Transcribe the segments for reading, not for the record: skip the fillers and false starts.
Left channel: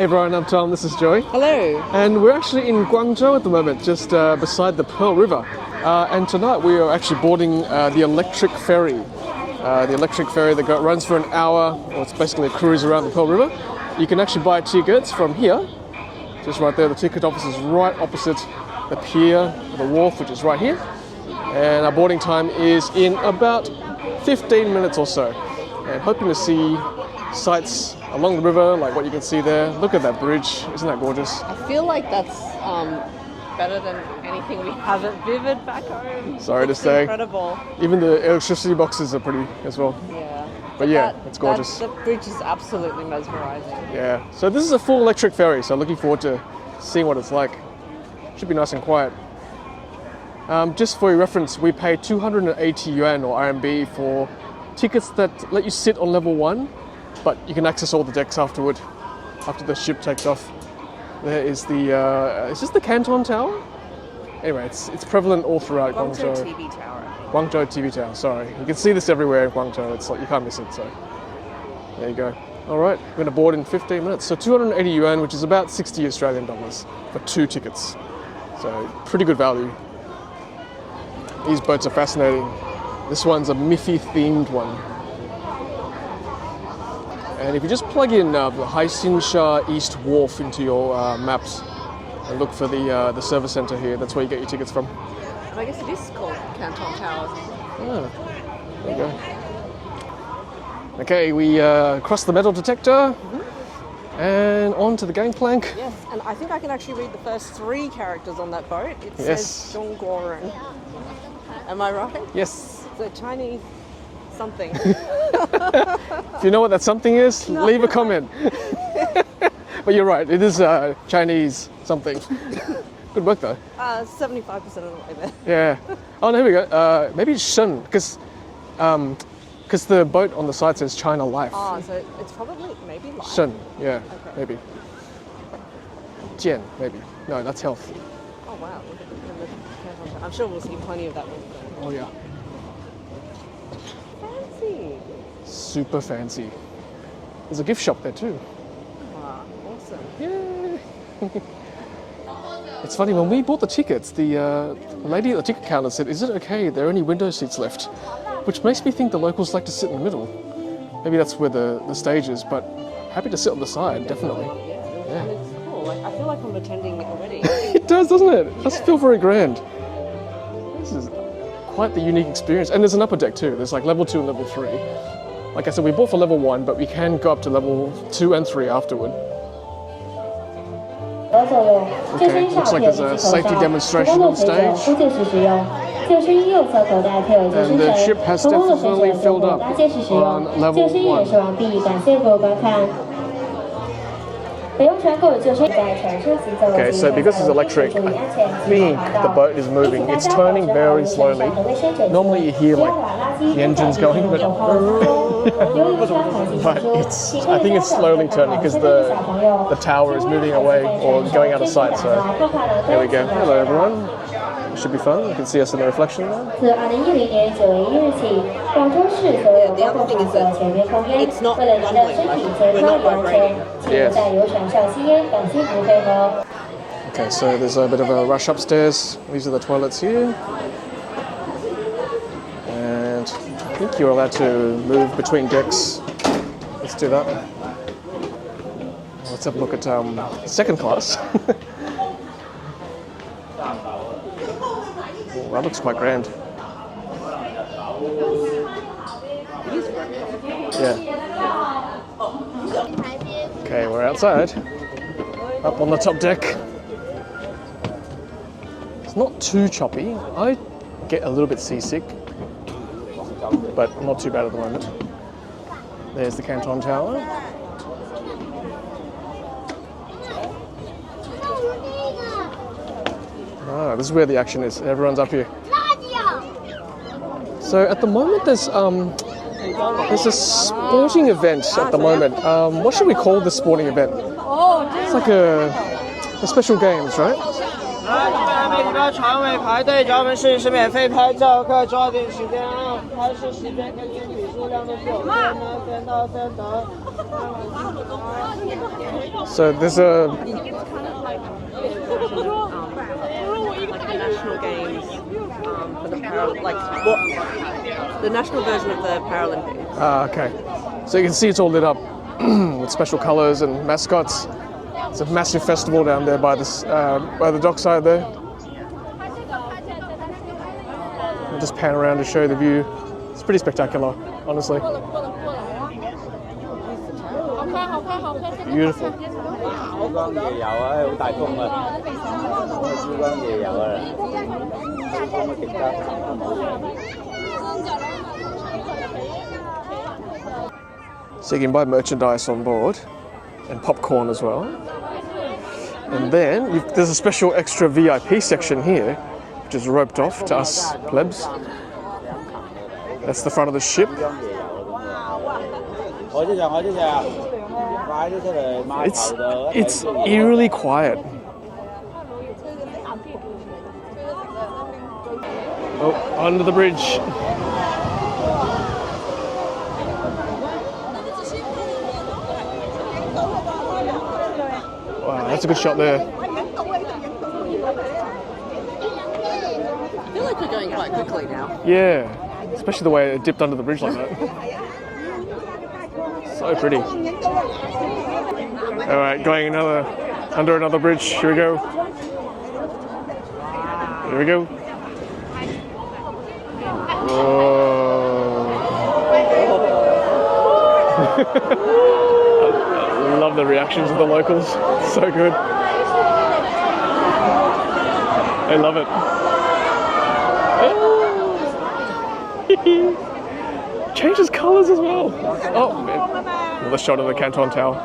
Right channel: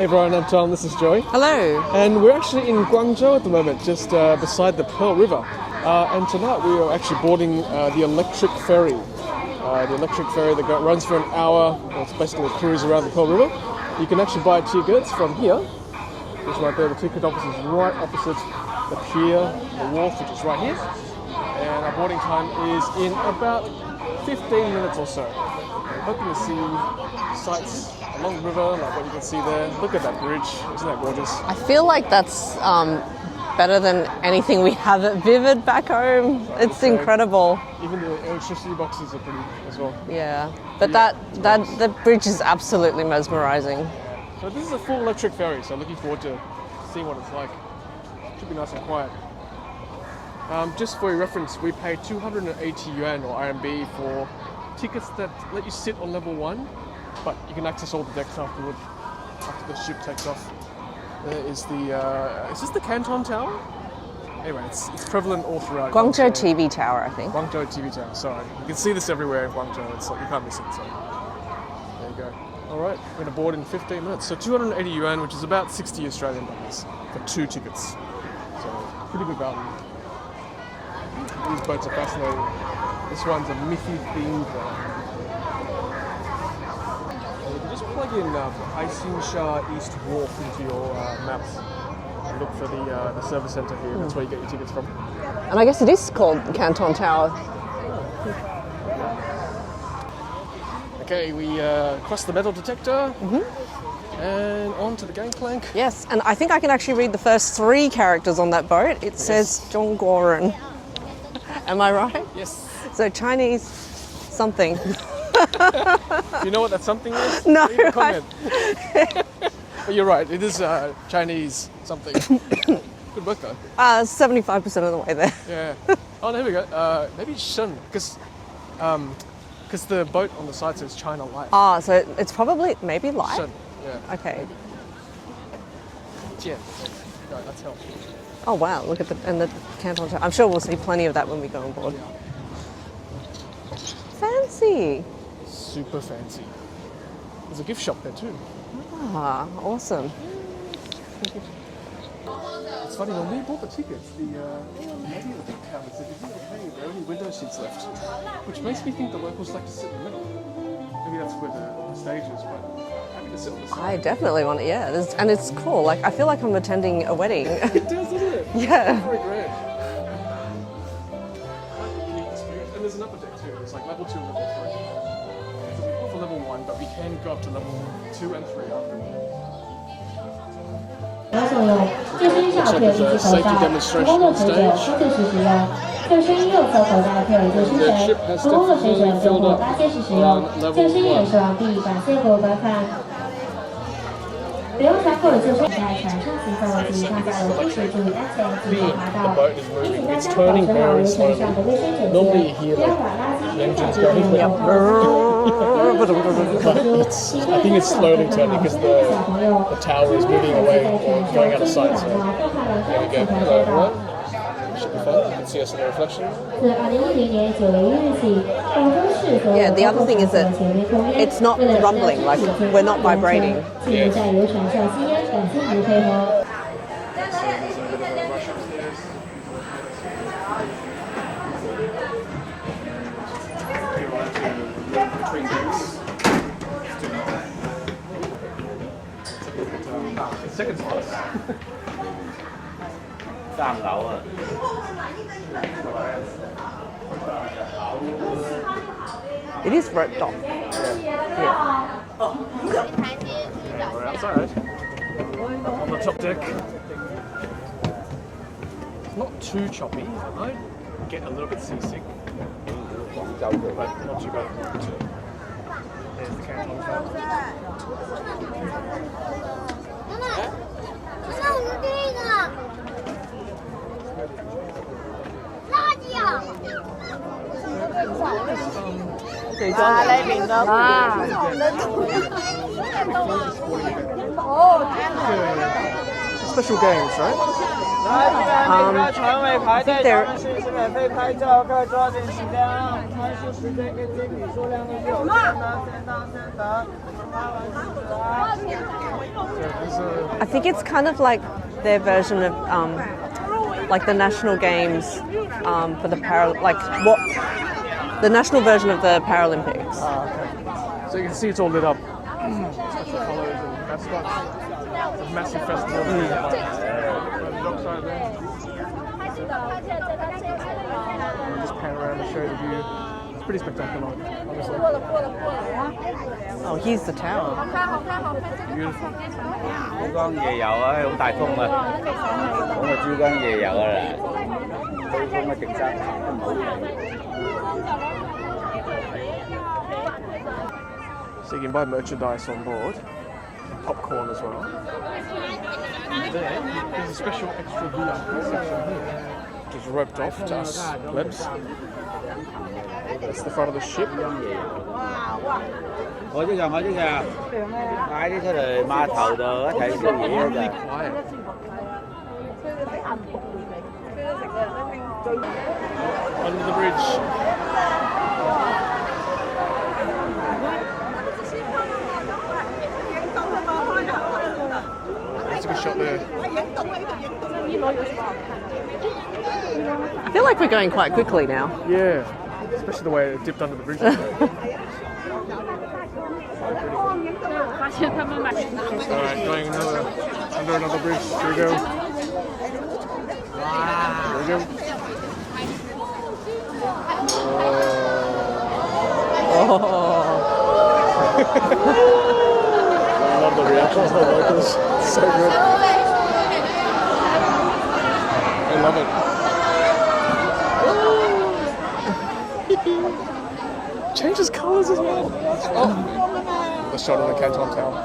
Hey everyone, I'm Tom, this is Joy. Hello. And we're actually in Guangzhou at the moment, just beside the Pearl River. And tonight we are actually boarding the electric ferry. The electric ferry that runs for an hour, or it's basically a cruise around the Pearl River. You can actually buy tickets from here, just right there. The ticket office is right opposite the pier, the wharf, which is right here. And our boarding time is in about 15 minutes or so. And hoping to see sights along the river, like what you can see there. Look at that bridge, isn't that gorgeous? I feel like that's better than anything we have at Vivid back home. Sorry it's to say. Incredible. Even the electricity boxes are pretty as well. Yeah, But yeah, the bridge is absolutely mesmerizing. Yeah, so this is a full electric ferry, so looking forward to seeing what it's like. Should be nice and quiet. Just for your reference, we pay 280 yuan or RMB for tickets that let you sit on level 1, but you can access all the decks afterward, after the ship takes off. There is the, is this the Canton Tower? Anyway, it's prevalent all throughout Guangzhou TV Tower, I think. Guangzhou TV Tower, sorry. You can see this everywhere in Guangzhou, it's like you can't miss it, so there you go. All right, we're gonna board in 15 minutes. So 280 yuan, which is about 60 Australian dollars for 2 tickets. So pretty good value. These boats are fascinating. This one's a Miffy themed one. And if you just plug in the Haixinsha East Wharf into your maps and look for the service centre here, that's where you get your tickets from. And I guess it is called Canton Tower. Okay, we cross the metal detector and on to the gangplank. Yes, and I think I can actually read the first 3 characters on that boat. It says Zhongguoren. Am I right? Yes. So Chinese something. Do you know what that something is? No, Leave a comment. But you're right, it is Chinese something. Good work though. 75% of the way there. Yeah. Oh, there we go. Maybe it's Shen, because the boat on the side says China Life. Oh, so it's probably maybe light. Shen, yeah. Okay. Maybe. Jian, maybe. No, that's health. Oh wow, look at the Canton Tower. I'm sure we'll see plenty of that when we go on board. Yeah. Fancy. Super fancy. There's a gift shop there too. Ah, awesome. It's funny, when we bought the tickets, the lady at the ticket counter said, "Is it okay? There are only window seats left?" Which makes me think the locals like to sit in the middle. Maybe that's where the stage is, but happy to sit on the side. I definitely want it, yeah. And it's cool. Like, I feel like I'm attending a wedding. It does, doesn't it? Yeah. That's still very grand. This is quite the unique experience. And there's an upper deck too. There's like level 2 and level 3. Like I said, we bought for level 1, but we can go up to level 2 and 3 afterward. Okay, looks like there's a safety demonstration on stage. And the ship has definitely filled up on level 1. Okay, so because it's electric, I think the boat is moving. It's turning very slowly. Normally you hear like the engines going, but I think it's slowly turning because the tower is moving away or going out of sight. So there we go. Hello everyone. Should be fun. You can see us in the reflection. Yeah, the other thing is that it's not rumbling, like we're not vibrating. Yeah. Okay, so there's a bit of a rush upstairs. These are the toilets here. And I think you're allowed to move between decks. Let's do that. Let's have a look at second class. That looks quite grand. It is roped off. Yeah. Okay, we're outside. Up on the top deck. It's not too choppy. I get a little bit seasick, but not too bad at the moment. There's the Canton Tower. Ah, this is where the action is. Everyone's up here. So at the moment there's a sporting event at the moment. What should we call this sporting event? It's like a special games, right? 来，这边每个船尾排队，咱们试一试免费拍照，快抓紧时间啊！拍摄时间根据笔数量有限的，先到。So there's a. I think it's kind of like their version of like the national games for the the national version of the Paralympics. Ah, okay. So you can see it's all lit up with special colours and mascots. It's a massive festival down there by the dockside there. Just pan around to show the view. It's pretty spectacular, honestly. Oh, here's the tower. Beautiful. So you can buy merchandise on board and popcorn as well. And then there's a special extra VIP section here, which is roped off to us plebs. That's the front of the ship. It's eerily quiet. Oh, under the bridge. Wow, that's a good shot there. I feel like we're going quite quickly now. Yeah, especially the way it dipped under the bridge like that. So pretty. Alright, going under another bridge. Here we go. Here we go. I love the reactions of the locals. It's so good. I love it. Changes colours as well. Oh man. Another shot of the Canton Tower.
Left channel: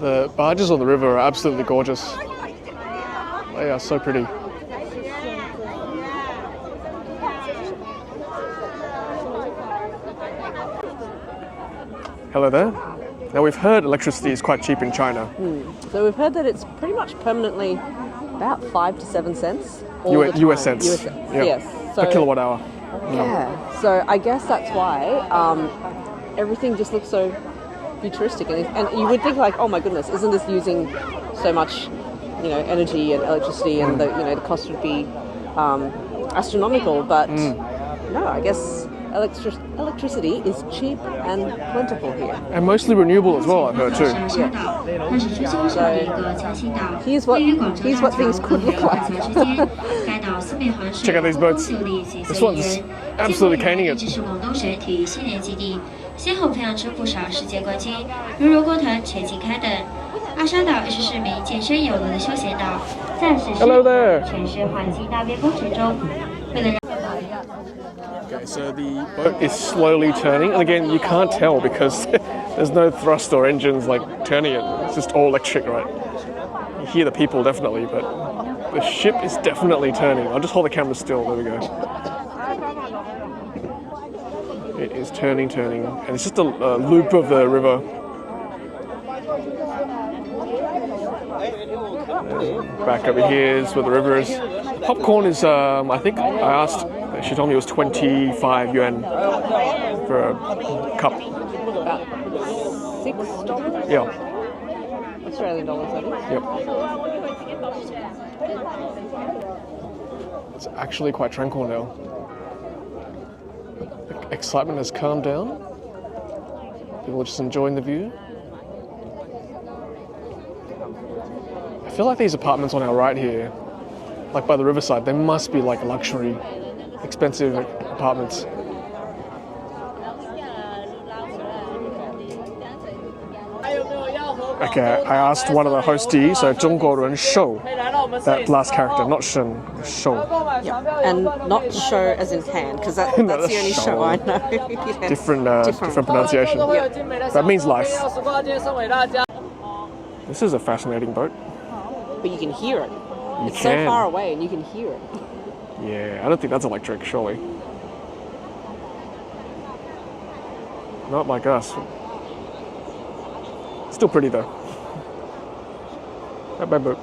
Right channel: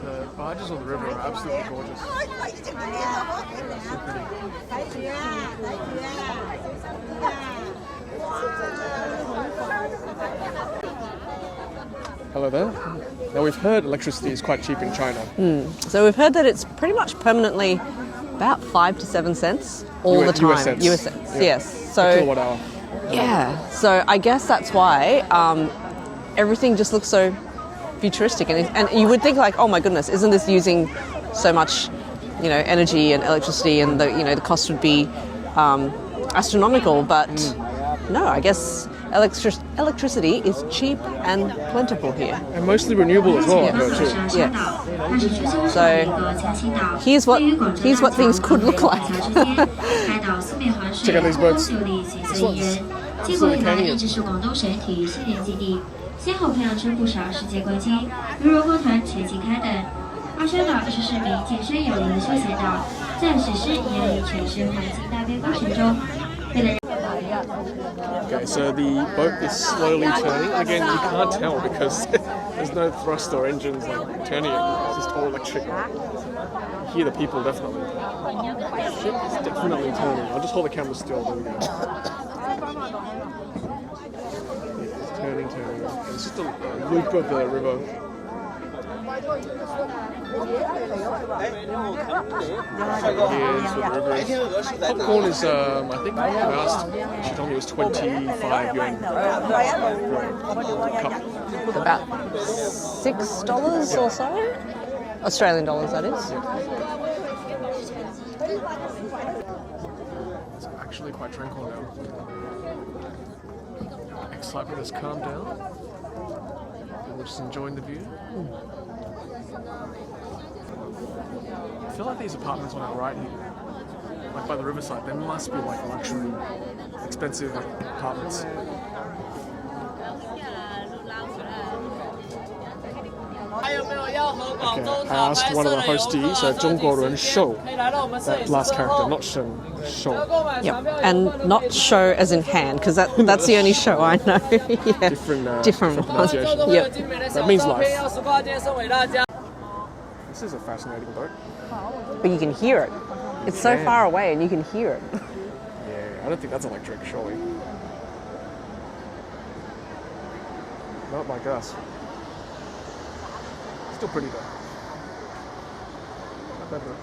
The barges on the river are absolutely gorgeous. They are so pretty. Hello there. Now we've heard electricity is quite cheap in China. So we've heard that it's pretty much permanently about 5 to 7 cents all the time. US cents. US cents, Yeah. yes. So, a kilowatt hour. yeah. So I guess that's why everything just looks so futuristic, and you would think like, oh my goodness, isn't this using so much, energy and electricity, and the cost would be astronomical? But no, I guess electricity is cheap and plentiful here. And mostly renewable as well, I've heard too. Yes. So here's what things could look like. Check out these boats. This one's absolutely caning it. 先后培养出不少世界冠军，如柔国团全境开等。阿沙岛是市民健身有用的休闲岛，在实施全市环境大变工程中，为了让 Okay, so the boat is slowly turning, and again, you can't tell because there's no thrust or engines like turning it. It's just all electric, right? You hear the people definitely, but the ship is definitely turning. I'll just hold the camera still. There we go. It is turning, and it's just a loop of the river. And back over here is where the river is. Popcorn is, I think I asked, she told me it was 25 yuan for a cup. About $6 Yeah. or so? Australian dollars, that is. Yep. It's actually quite tranquil now. Excitement has calmed down. People are just enjoying the view. I feel like these apartments on our right here, like by the Riverside, they must be like luxury, expensive apartments. Okay, I asked one of the hostees, so 中国人show, that last character, not Shen, show. Yep, and not show as in hand, because that's the only show I know. Yeah. Different pronunciation. Yep. That means life. This is a fascinating boat. But you can hear it. It's so can. far away and you can hear it. Yeah, I don't think that's electric, surely. Not like us. Still pretty though. Bye boat.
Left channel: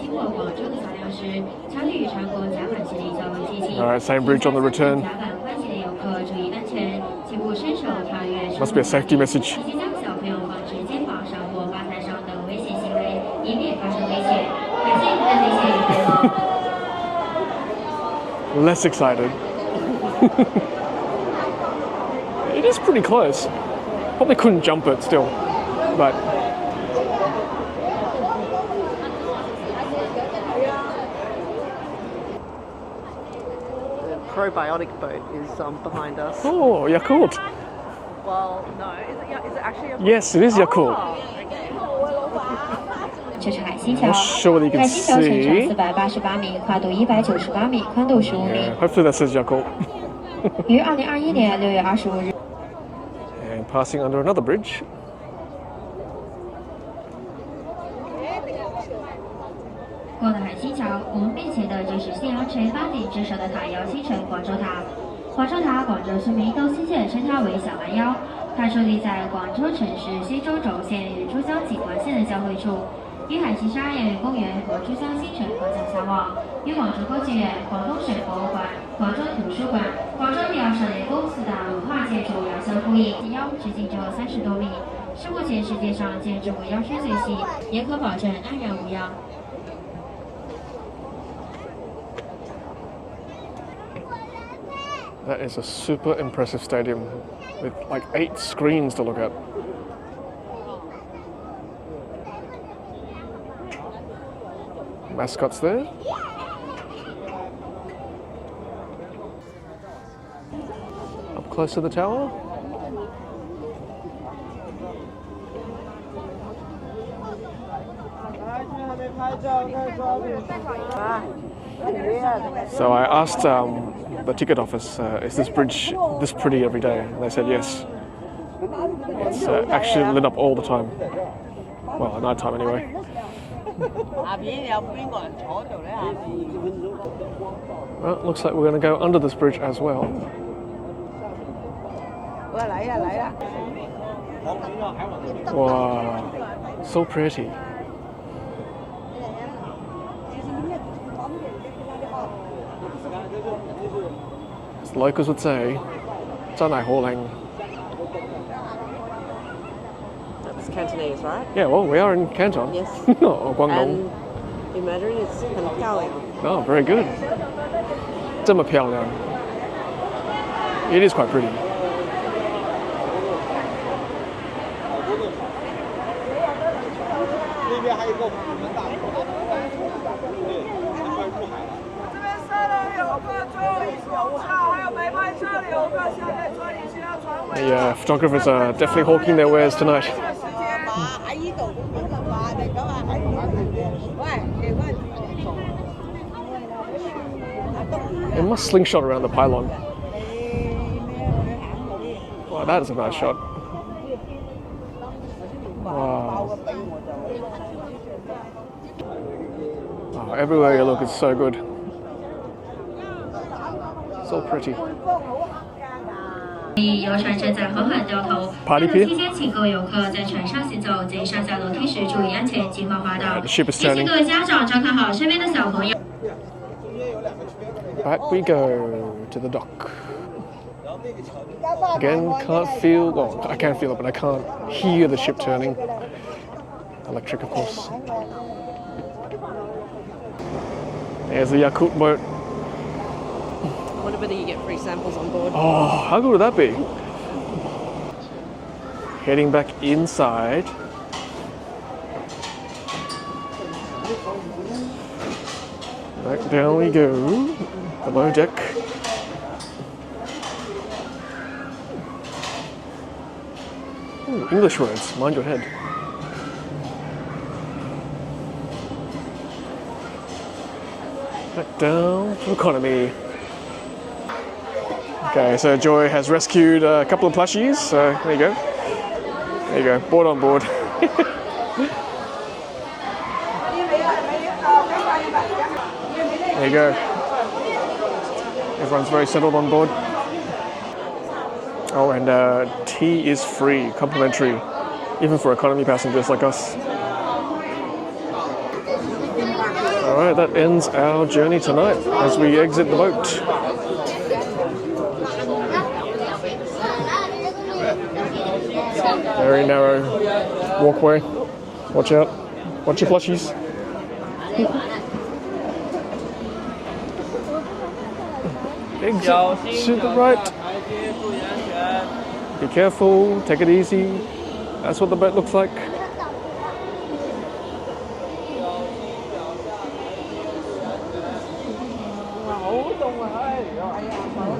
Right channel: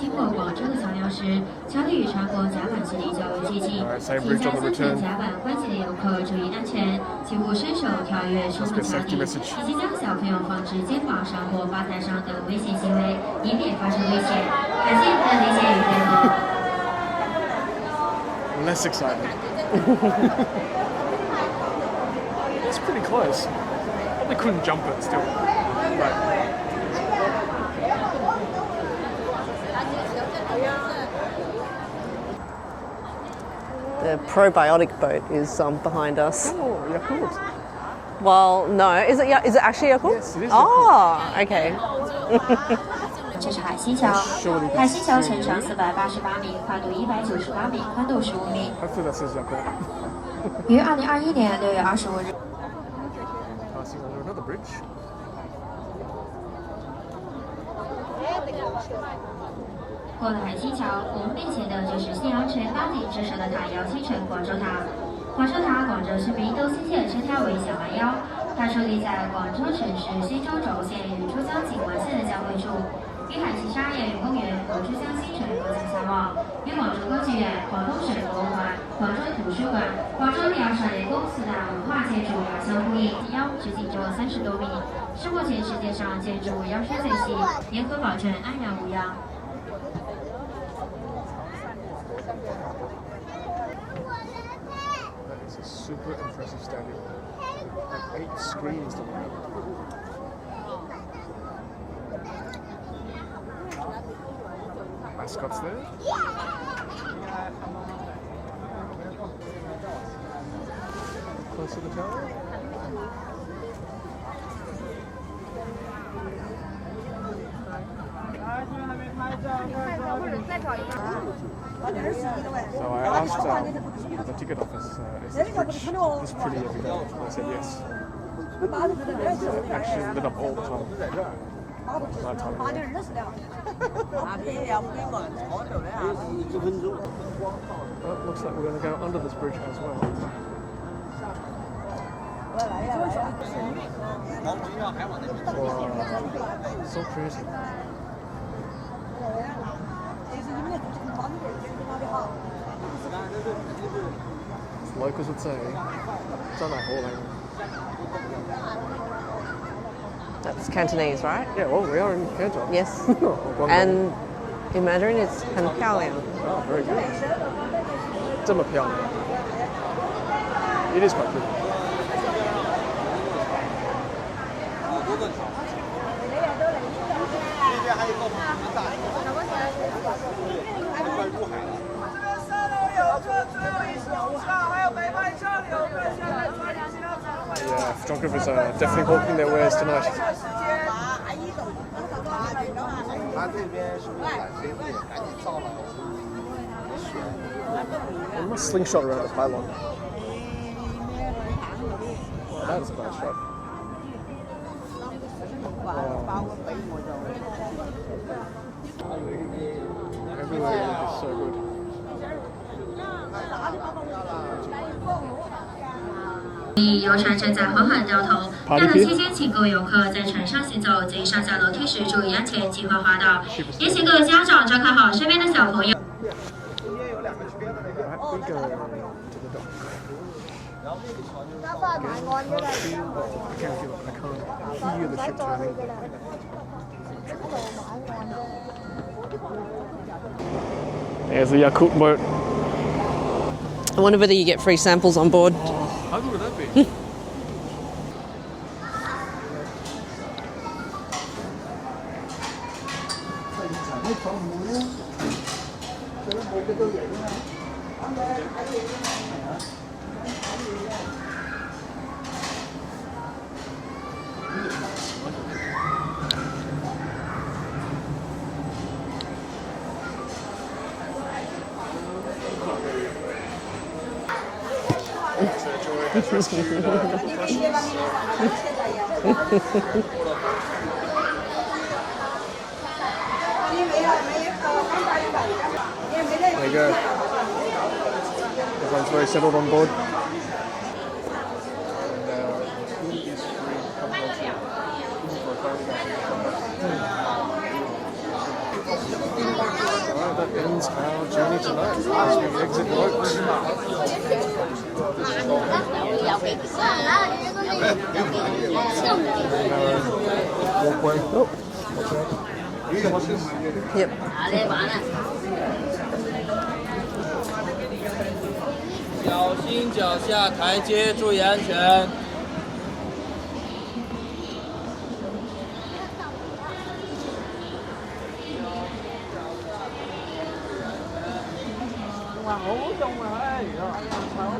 经过广州的桥梁时，桥体与船舶甲板距离较为接近。 Alright, same bridge on the return. 甲板关起的游客注意安全，请勿伸手跳跃。 Must be a safety message. 以及将小朋友放置肩膀上或吧台上等危险行为，以免发生危险。感谢您的理解与配合。 Less excited. It is pretty close. Probably couldn't jump it still, but. The probiotic boat is behind us. Oh, Yakult. Well, no. Is it actually Yakult? Yes, it is Yakult. Oh, okay. 这是海心桥， Show what you can 海心桥全长 see. 488米，跨度198米，宽度15米。 Hopefully that says Yakult. 于2021年6月25日。 And passing under another bridge. 过了海心桥，我们面前的就是信阳泉八景之首的塔摇星城广州塔。广州塔，广州市民都亲切地称它为小蛮腰。它矗立在广州城市新洲轴线与珠江景华线的交汇处，与海心沙叶公园和珠江新城隔江相望，与广州歌剧院、广东省博物馆、广州图书馆、广州鸟少年宫四大文化建筑遥相呼应。腰直径只有30多米，是目前世界上建筑腰身最细，也可保证安然无恙。 That is a super impressive stadium with like 8 screens to look at. Mascots there. Up close to the tower. So I asked the ticket office, is this bridge this pretty every day? And they said yes. It's actually lit up all the time. Well, at night time anyway. Well, looks like we're going to go under this bridge as well. Wow, so pretty. As the locals would say, 真係好靚. It's Cantonese, right? Yeah, well, we are in Canton. Yes. Or Guangdong. And in Mandarin, it's 很漂亮. Oh, very good. 这么漂亮. It is quite pretty. The photographers are definitely hawking their wares tonight. They must slingshot around the pylon. Wow, that is a nice shot. Wow. Oh, everywhere you look is so good. So pretty. 游船正在缓缓掉头。下楼期间，请各位游客在船上行走，在上下楼梯时注意安全，谨防滑倒。也请各位家长照看好身边的小朋友。Right, we go to the dock. Again, can't feel, well, I can feel it, but I can't hear the ship turning. Electric, of course. There's the Yakult boat. I wonder whether you get free samples on board. Oh, how good would that be? Heading back inside. Back down we go. Below deck. English words, mind your head. Back down to economy. Okay, so Joy has rescued a couple of plushies, so there you go. There you go, board on board. There you go. Everyone's very settled on board. Oh, and tea is free, complimentary, even for economy passengers like us. right, that ends our journey tonight as we exit the boat. Very narrow walkway. Oh, watch out. Watch your plushies. Yep. Exit to the right. Be careful, take it easy. That's what the boat looks like.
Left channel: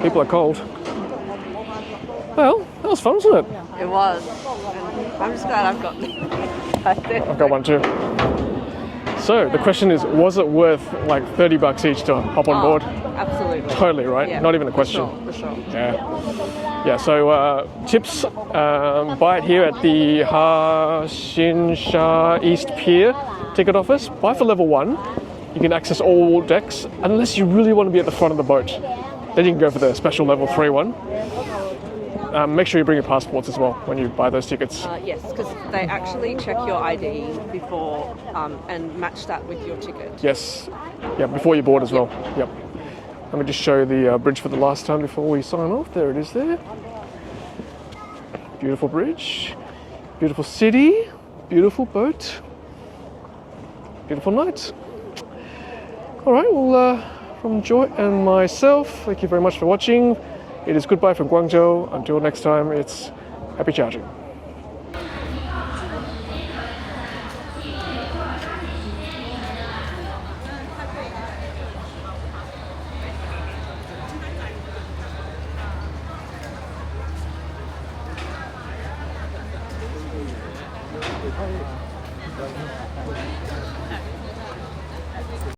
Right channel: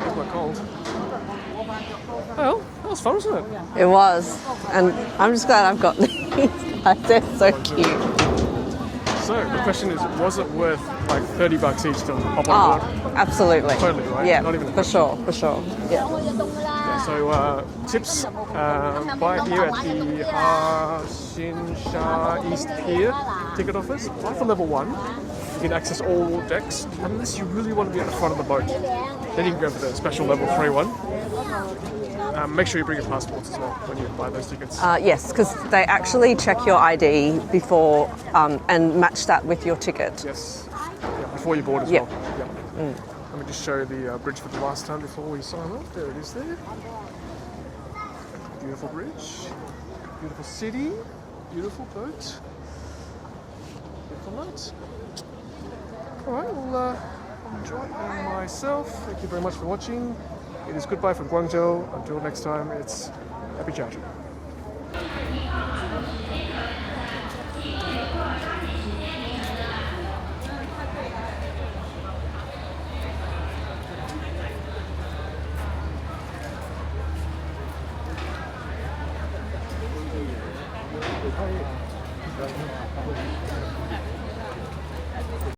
People are cold. Well, that was fun, wasn't it? It was. And I'm just glad I've got these. I've got one too. So the question is, was it worth like $30 each to hop on board? Absolutely. Totally, right? Yeah, Not even a question. For sure. Yeah, so tips, buy it here at the Haixinsha East Pier ticket office. Buy for level 1. You can access all decks, unless you really want to be at the front of the boat. Then you can go for the special level 3 one. Make sure you bring your passports as well when you buy those tickets. Yes, because they actually check your ID before and match that with your ticket. Yes, yeah, before you board as well. Yep. Let me just show the bridge for the last time before we sign off. There it is there. Beautiful bridge, beautiful city, beautiful boat, beautiful night. All right, well, from Joy and myself, thank you very much for watching. It is goodbye from Guangzhou. Until next time, it's happy charging.